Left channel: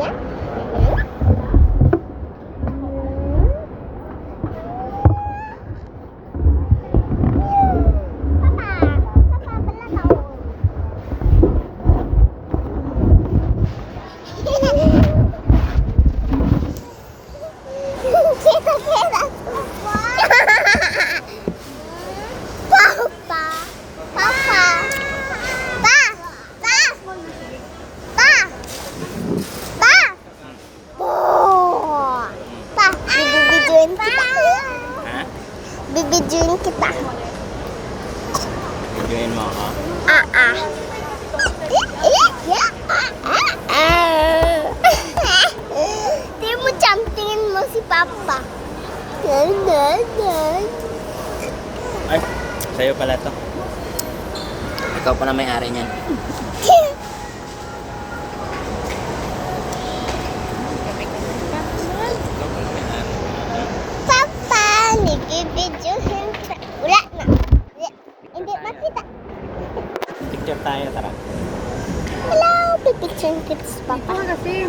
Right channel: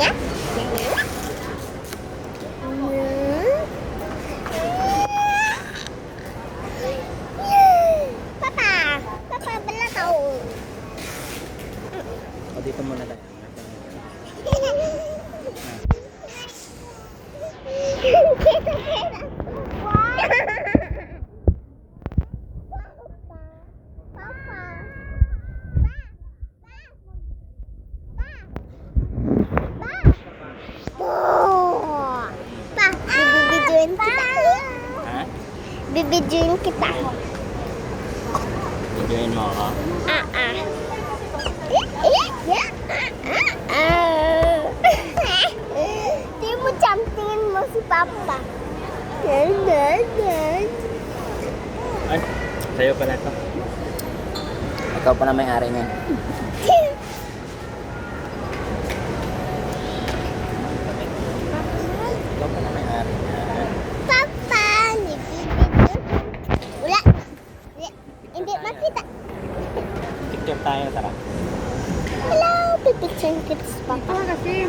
nhé. Bibidyoin kita. Bibidyoin mo ako? Ah, ah. Tingin mo, Cham, tingin mo si Papa. Nan. Ay, sa'yo pala to. Ikaw pa na may-ari niyan. Picture tayo, tara. Hello, pipicture kita si Papa. Okay.